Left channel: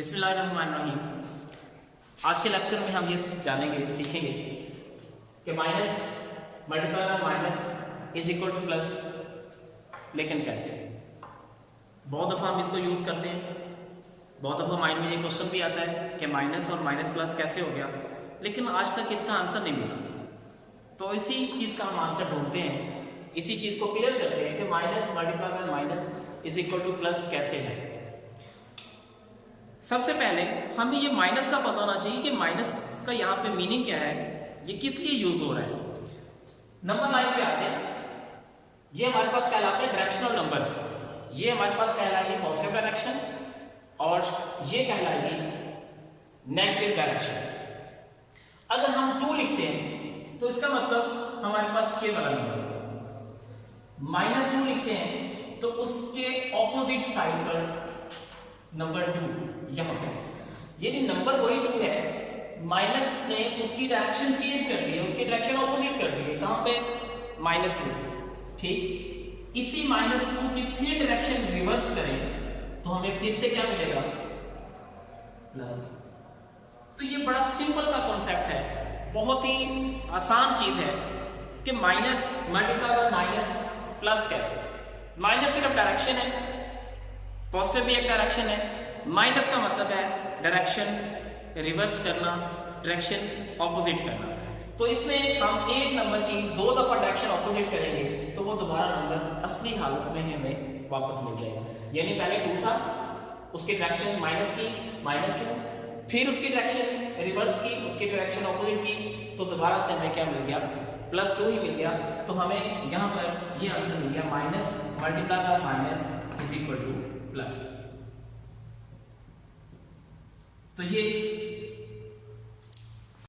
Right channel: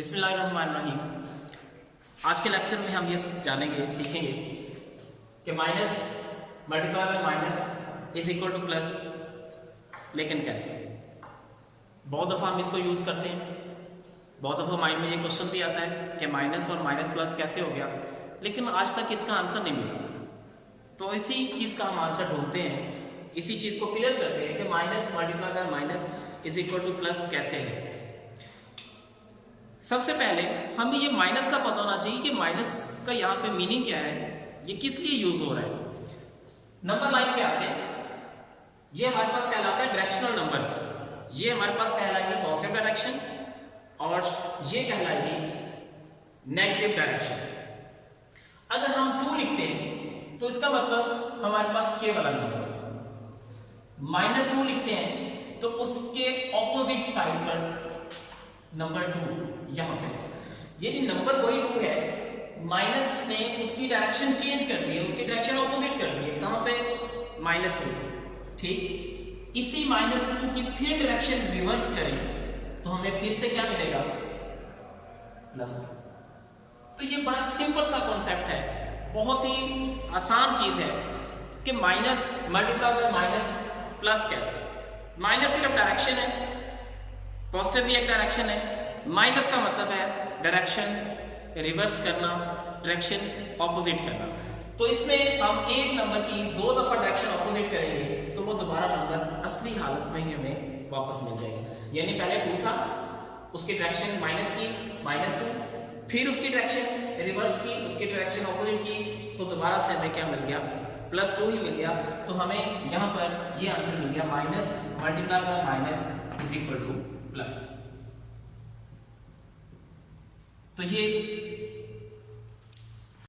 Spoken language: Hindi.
बिस्मिल्लाहिर्रहमानिर्रहीम। आज के लेक्चर में हम ये जानेंगे सीखेंगे कि minus multiply by minus is equal two plus, लेकिन कैसे। बहुत दफ़ा हम इसको यूज़ करते हैं, बहुत दफ़ा माइंड में ये क्वेश्चन भी आता है कि माइनस और माइनस प्लस कैसे हो गया, लेकिन आज तक इसका आंसर नहीं मिला। तो इसी चीज़ का हम आंसर ढूंढते हैं, इसी चीज़ को क्लियर करते हैं कि minus multiply by minus is equal two plus कैसे है। सबसे पहले हमें ये माइनस का पता होना चाहिए कि माइनस का यहाँ पे मीनिंग क्या है, ये किस लिए यूज हो रहा है। नंबर लाइन पे आते हैं, ये हमारे पास कहलाते हैं डायरेक्शनल नंबर्स। ये हमारे पास कहलाएगी पॉजिटिव डायरेक्शन और ये कहलाएगी नेगेटिव डायरेक्शन। अगर हम 2 लिखते हैं तो इसका मतलब हमारे पास ये वाला नंबर, -2 लिखते हैं तो उसके ऑपोजिट साइड पर नंबर 2 यहां पे, यानी नंबर वही 2 है, माइनस ने उसकी डायरेक्शन चेंज कर दी है, उसकी डायरेक्शन ऑपोजिट कर दी है। कहां पे? -2। ठीक, इसी -2 की फिर डायरेक्शन रिवर्स करें तो हमें फिर से क्या मिलेगा? +2। तो ये बड़ा सिंपल सा कॉन्सेप्ट है, बहुत ही आसान चीज है कि minus multiply by minus plus कैसे। माइनस सिर्फ डायरेक्शन है, पॉजिटिव भी एक डायरेक्शन है। माइनस का मतलब है डायरेक्शन रिवर्स करना, डायरेक्शन ऑपोजिट करना। तो इसमें हम एक नंबर की 2 दफा डायरेक्शन ऑपोजिट करेंगे तो वो दोबारा नंबर असली हालत में हमें वापस मिल जाएगा। यानी पहले 2 था, उसकी डायरेक्शन माइनस की, -2, फिर उसकी डायरेक्शन रिवर्स की, उसकी डायरेक्शन ऑपोजिट की, तो दोबारा से हमें क्या मिल गया? +2 ही मिल गया। तो हमें यहाँ पर ये आंसर मिल गया, minus multiply by minus is equal two plus. तो ये